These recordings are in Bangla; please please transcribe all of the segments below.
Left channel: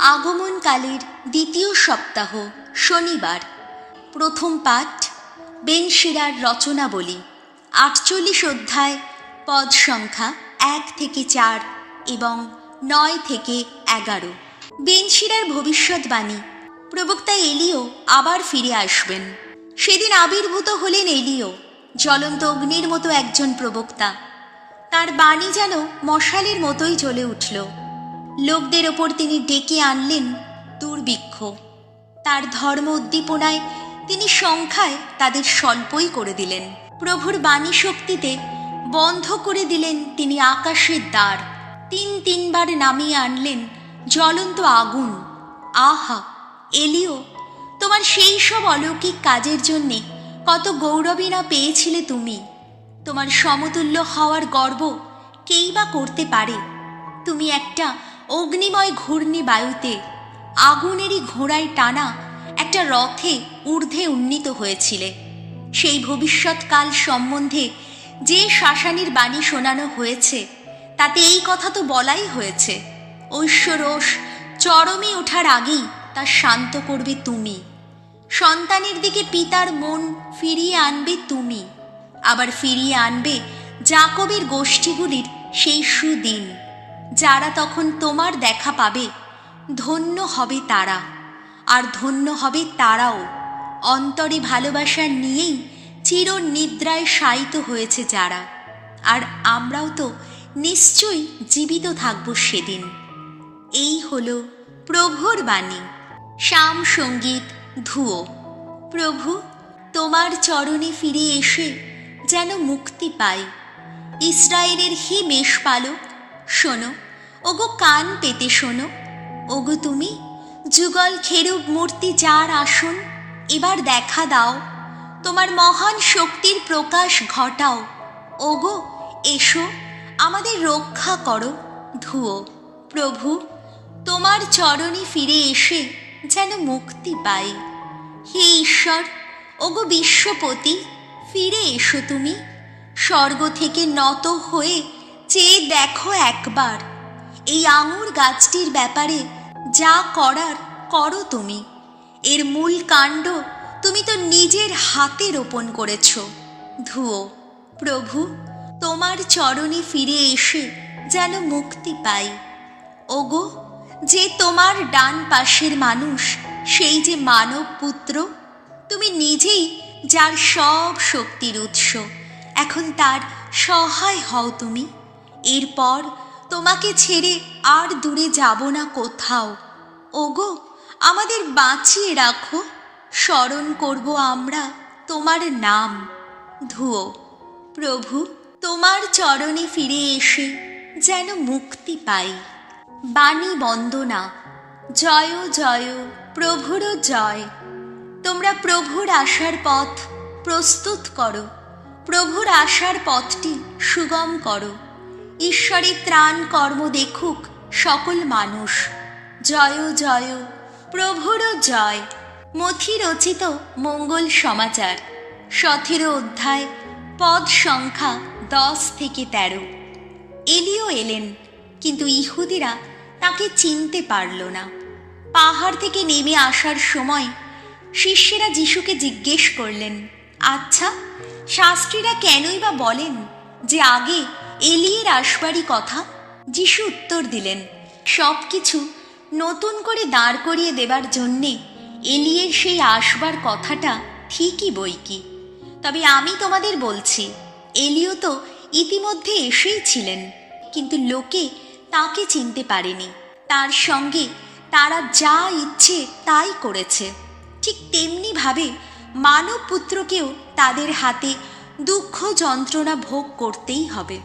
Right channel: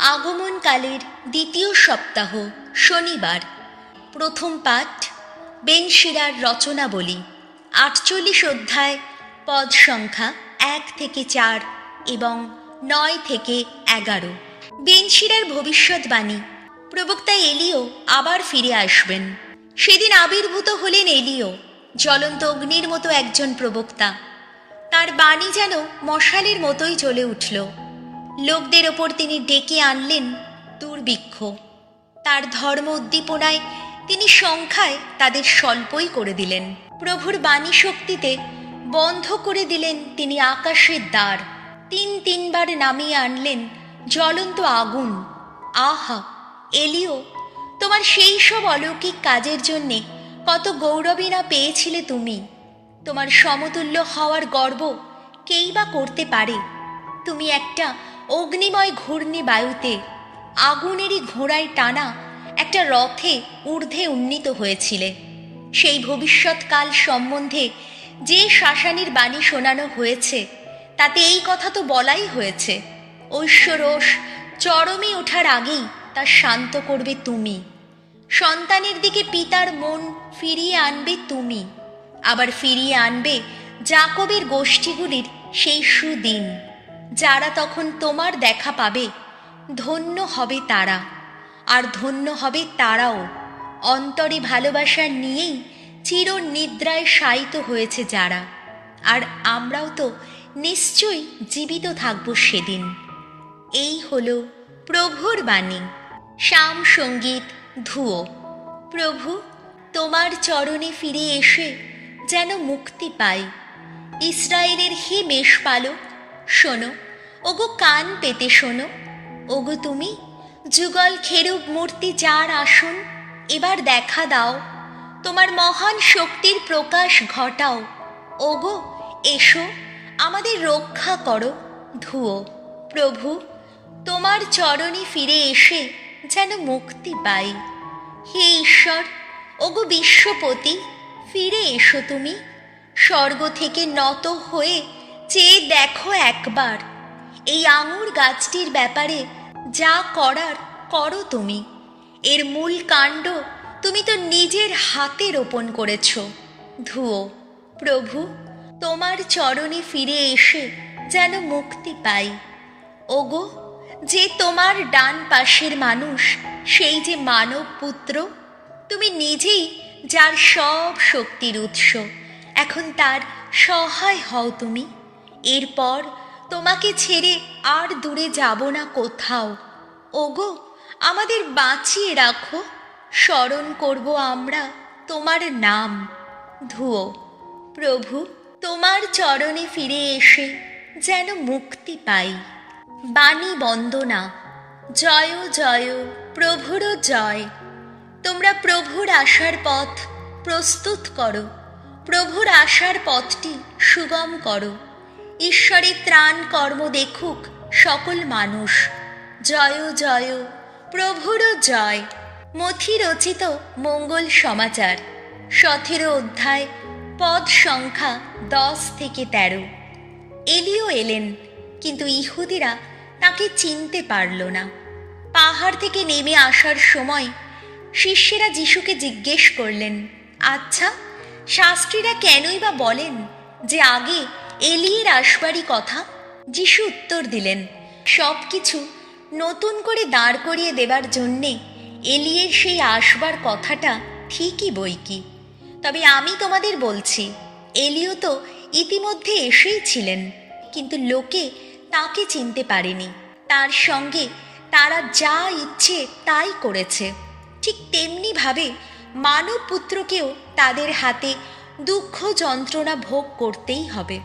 আগমনকালের দ্বিতীয় সপ্তাহ শনিবার। প্রথম পাঠ বেন শিরার রচনাবলী, 48 অধ্যায়, পদ সংখ্যা 1 থেকে 4 এবং 9 থেকে 11। বেন শিরার ভবিষ্যৎবাণী, প্রবক্তা এলিও আবার ফিরে আসবেন। সেদিন আবির্ভূত হলেন এলিও, জ্বলন্ত অগ্নির মতো একজন প্রবক্তা। তার বাণী যেন মশালের মতোই জ্বলে উঠল। লোকদের ওপর তিনি ডেকে আনলেন দুর্ভিক্ষ। তার ধর্ম উদ্দীপনায় তিনি সংখ্যায় তাদের স্বল্পই করে দিলেন। প্রভুর বাণী শক্তিতে বন্ধ করে দিলেন তিনি আকাশের দ্বার। তিনবার নামিয়ে আনলেন জ্বলন্ত আগুন। আহা এলিও, তোমার সেই সব অলৌকিক কাজের জন্যে কত গৌরবই না পেয়েছিলে তুমি। তোমার সমতুল্য হওয়ার গর্ব কেই বা করতে পারে? তুমি একটা অগ্নিময় ঘূর্ণি বায়ুতে আগুনেরই ঘোড়ায় টানা একটা রথে ঊর্ধ্বে উন্নীত হয়েছিলে। সেই ভবিষ্যৎকাল সম্বন্ধে যে শাসানির বাণী শোনানো হয়েছে তাতে এই কথা তো বলাই হয়েছে, ঐশ্বরোষ চরমে ওঠার আগেই তা শান্ত করবে তুমি। সন্তানের দিকে পিতার মন ফিরিয়ে আনবে তুমি। আবার ফিরিয়ে আনবে যাকবের গোষ্ঠীগুলির সেই সুদিন, যারা তখন তোমার দেখা পাবে। ধন্য হবে তারা, আর ধন্য হবে তারাও অন্তরে ভালোবাসা নিয়েই চির নিদ্রায় শায়িত হয়েছে যারা। আর আমরাও তো নিশ্চয়ই জীবিত থাকব সেদিন। এই হলো প্রভুর বাণী। শাম সঙ্গীত ধুয়ো। প্রভু, তোমার চরণে ফিরে এসে যেন মুক্তি পাই। ইসরায়েলের হে মেষপালক, শোনো, ওগো কান পেতে শোনো। ওগো তুমি যুগল খেরুব মূর্তি যার আসন, এবার দেখা দাও, তোমার মহান শক্তির প্রকাশ ঘটাও। ওগো এসো, আমাদের রক্ষা করো। ধুয়ো। প্রভু, তোমার চরণে ফিরে এসে যেন মুক্তি পাই। হে ঈশ্বর, ওগো বিশ্বপতি, ফিরে এসো তুমি। স্বর্গ থেকে নত হয়ে চেয়ে দেখো একবার। এই আঙুর গাছটির ব্যাপারে যা করার করো তুমি। এর মূল কাণ্ড তুমি তো নিজের হাতে রোপণ করেছ। ধুয়ো। প্রভু, তোমার চরণে ফিরে এসে যেন মুক্তি পাই। ওগো, যে তোমার ডান পাশের মানুষ, সেই যে মানব পুত্র, তুমি নিজেই যার সব শক্তির উৎস, এখন তার সহায় হও তুমি। এরপর তোমাকে ছেড়ে আর দূরে যাব না কোথাও। ওগো, আমাদের বাঁচিয়ে রাখো, স্মরণ করব আমরা তোমার নাম। ধুয়ো। প্রভু, তোমার চরণে ফিরে এসে যেন মুক্তি পাই। বাণী বন্দনা। জয় জয় প্রভুর জয়। তোমরা প্রভুর আসার পথ প্রস্তুত করো, প্রভুর আসার পথটি সুগম করো। ঈশ্বরের ত্রাণ কর্ম দেখুক সকল মানুষ। জয় জয় প্রভুর জয়। মথি রচিত মঙ্গল সমাচার, 17 অধ্যায়, পদ সংখ্যা 10 থেকে 13। এলিও এলেন, কিন্তু ইহুদিরা তাকে চিনতে পারল না। পাহাড় থেকে নেমে আসার সময় শিষ্যেরা যিশুকে জিজ্ঞেস করলেন, আচ্ছা, শাস্ত্রীরা কেনই বা বলেন যে আগে এলিয়ের আসবারই কথা? যিশু উত্তর দিলেন, সব কিছু নতুন করে দাঁড় করিয়ে দেবার জন্যে এলিয়ের সেই আসবার কথাটা ঠিকই বই কি। তবে আমি তোমাদের বলছি, এলিও তো ইতিমধ্যে এসেই ছিলেন, কিন্তু লোকে তাকে চিনতে পারেনি। তার সঙ্গে তারা যা ইচ্ছে তাই করেছে। ঠিক তেমনিভাবে মানব পুত্রকেও তাদের হাতে দুঃখ যন্ত্রণা ভোগ করতেই হবে।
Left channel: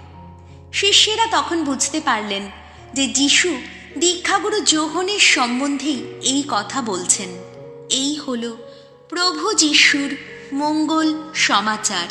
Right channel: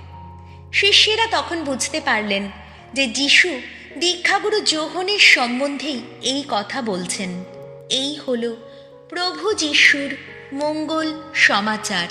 শিষ্যেরা তখন বুঝতে পারলেন যে যিশু দীক্ষাগুরু যোহনের সম্বন্ধেই এই কথা বলছেন। এই হলো প্রভু যিশুর মঙ্গল সমাচার।